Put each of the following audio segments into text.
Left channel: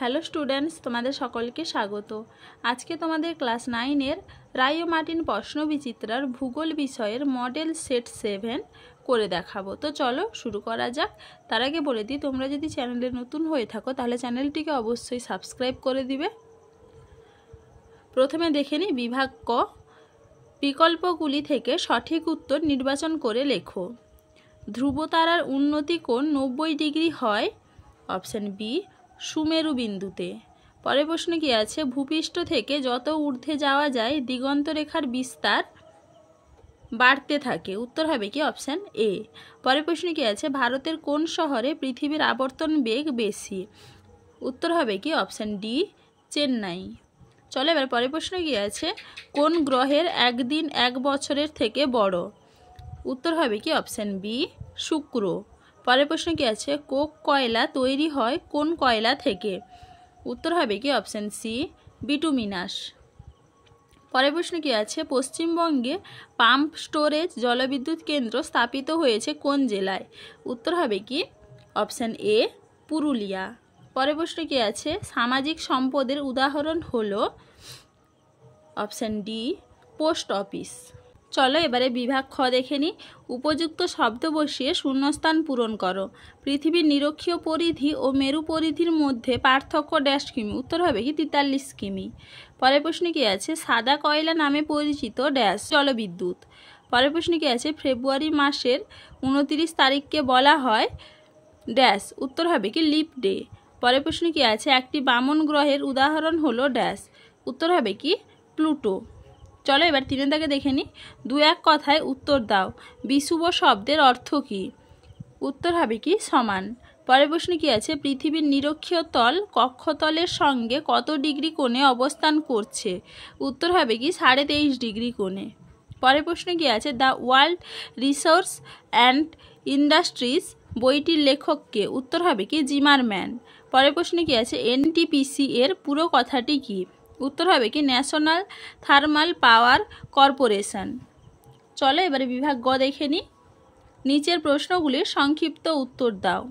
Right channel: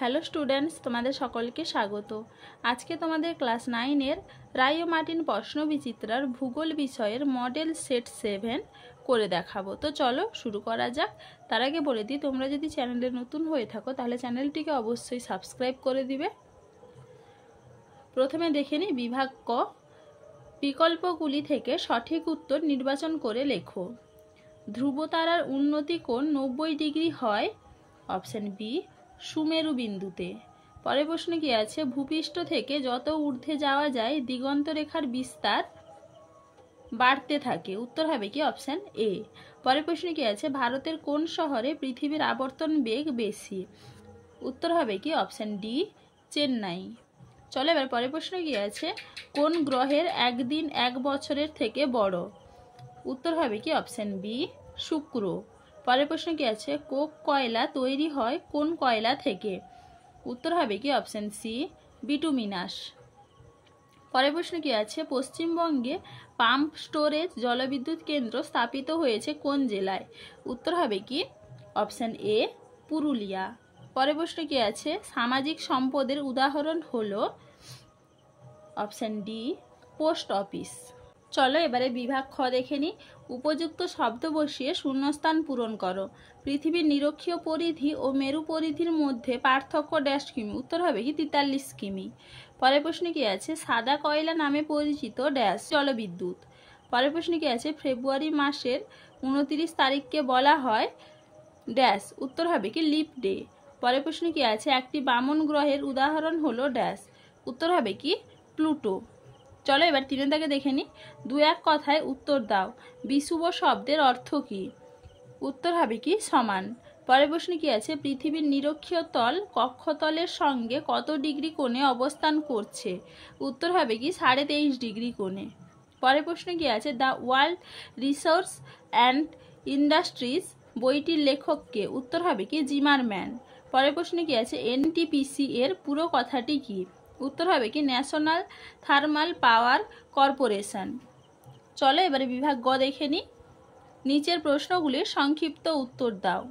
Hello students, তোমাদের সকলকে স্বাগত। আজকে তোমাদের ক্লাস 9-এর রায় ও মার্টিন প্রশ্নবিচিত্রার ভূগোল বিষয়ের মডেল সেট 7 করে দেখাবো। তো চলো শুরু করা যাক। তার আগে বলে দিই, তোমরা যদি চ্যানেলে নতুন হয়ে থাকো তাহলে চ্যানেলটিকে অবশ্যই সাবস্ক্রাইব করে দিবে। প্রথমে দেখে নিই বিভাগ ক। বিকল্পগুলি থেকে সঠিক উত্তর নির্বাচন করে লেখো। ধ্রুবতারার উন্নতি কোণ 90 ডিগ্রি হয়। অপশান বি, সুমেরু বিন্দুতে। পরের প্রশ্ন কি আছে? ভূপৃষ্ঠ থেকে যত ঊর্ধ্বে যাওয়া যায় দিগন্ত রেখার বিস্তার বাড়তে থাকে। উত্তর হবে কি? Option A. পরের প্রশ্ন কি আছে? ভারতের কোন শহরে পৃথিবীর আবর্তন বেগ বেশি? উত্তর হবে কি? Option D, Chennai. চলো এবার পরের প্রশ্ন কি আছে? কোন গ্রহের একদিন এক বছরের থেকে বড়? উত্তর হবে কি? অপশান বি, শুক্র। পরের প্রশ্ন কি আছে? কোক কয়লা তৈরি হয় কোন কয়লা থেকে? উত্তর হবে কি? Option C, bituminous. পরের প্রশ্ন কি আছে? পশ্চিমবঙ্গে পাম্প স্টোরেজ জলবিদ্যুৎ কেন্দ্র স্থাপিত হয়েছে কোন জেলায়? উত্তর হবে কি? Option A, Purulia. পরের প্রশ্ন কি আছে? সামাজিক সম্পদের উদাহরণ হলো? Option D, post office. চলো এবারে বিভাগ খ দেখে নিই। উপযুক্ত শব্দ বসিয়ে শূন্যস্থান পূরণ করো। পৃথিবীর নিরক্ষীয় পরিধি ও মেরু পরিধির মধ্যে পার্থক্য ড্যাশ কিমি? উত্তর হবে কি? 43 কিমি। পরের প্রশ্ন কি আছে? সাদা কয়লা নামে পরিচিত ড্যাশ জলবিদ্যুৎ। পরের প্রশ্ন কি আছে? ফেব্রুয়ারি মাসের 29 তারিখকে বলা হয় ড্যাশ। উত্তর হবে কি? Leap day. পরের প্রশ্ন কি আছে? একটি বামন গ্রহের উদাহরণ হলো ড্যাশ। উত্তর হবে কি? প্লুটো। চলো এবার 3 দাগে দেখে নিই। দু এক কথায় উত্তর দাও। বিষুব শব্দের অর্থ কি? উত্তর হবে কি? সমান। পরের প্রশ্ন কি আছে? পৃথিবীর নিরক্ষীয় তল কক্ষতলের সঙ্গে কত ডিগ্রি কোণে অবস্থান করছে? উত্তর হবে কি? 23.5 ডিগ্রি কোণে। পরের প্রশ্ন কি আছে? The world resource and industries বইটির লেখক কে? উত্তর হবে কি? জিমারম্যান। পরের প্রশ্ন কি আছে? এনটিপিসি এর পুরো কথাটি কি? উত্তর হবে কি? National thermal power corporation. চলো এবারে বিভাগ গ দেখে নিই। নিচের প্রশ্নগুলির সংক্ষিপ্ত উত্তর দাও।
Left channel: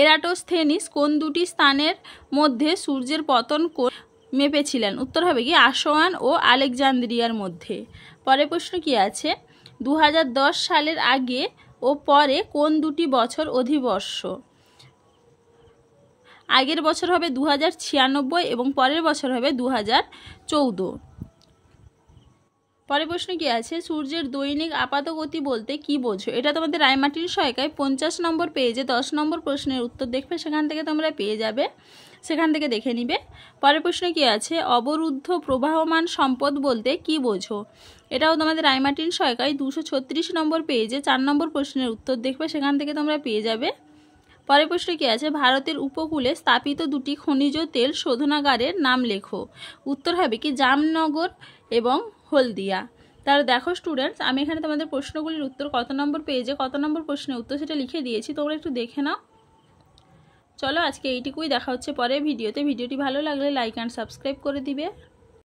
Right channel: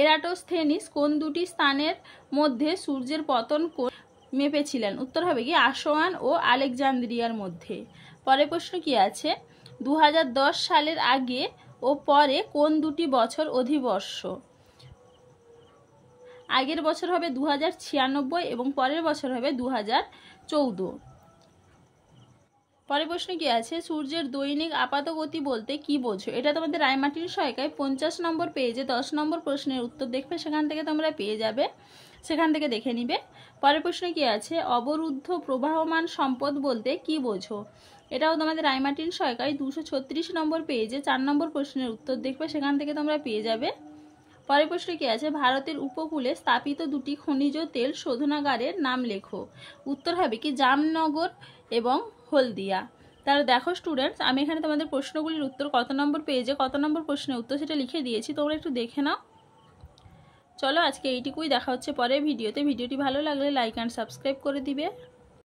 এরাটোস্থেনিস কোন দুটি স্থানের মধ্যে সূর্যের পতন কোণ মেপেছিলেন? উত্তর হবে কি? আসোয়ান ও আলেকজান্দ্রিয়ার মধ্যে। পরের প্রশ্ন কি আছে? 2010 সালের আগে ও পরে কোন দুটি বছর অধিবর্ষ? আগের বছর হবে 2096 এবং পরের বছর হবে 2014। পরের প্রশ্ন কি আছে? সূর্যের দৈনিক আপাত গতি বলতে কি বোঝো? এটা তোমাদের রায়মার্টিন সহায়িকায় 50 নম্বর পেজে 10 নম্বর প্রশ্নের উত্তর দেখবে, সেখান থেকে তোমরা পেয়ে যাবে, সেখান থেকে দেখে নিবে। পরের প্রশ্ন কি আছে? অবরুদ্ধ প্রবাহমান সম্পদ বলতে কি বোঝো? এটাও তোমাদের রায়মার্টিন সহায়িকায় 236 নম্বর পেজে 4 নম্বর প্রশ্নের উত্তর দেখবে, সেখান থেকে তোমরা পেয়ে যাবে। পরের প্রশ্ন কি আছে? ভারতের উপকূলে স্থাপিত দুটি খনিজ তেল শোধনাগারের নাম লেখো। উত্তর হবে কি? জামনগর এবং হলদিয়া। তাহলে দেখো স্টুডেন্টস, আমি এখানে তোমাদের প্রশ্নগুলির উত্তর কত নম্বর পেজে কত নম্বর প্রশ্নের উত্তর সেটা লিখে দিয়েছি, তোমরা একটু দেখে নাও। চলো আজকে এইটুকুই, দেখা হচ্ছে পরের ভিডিওতে। ভিডিওটি ভালো লাগলে লাইক অ্যান্ড সাবস্ক্রাইব করে দিবে।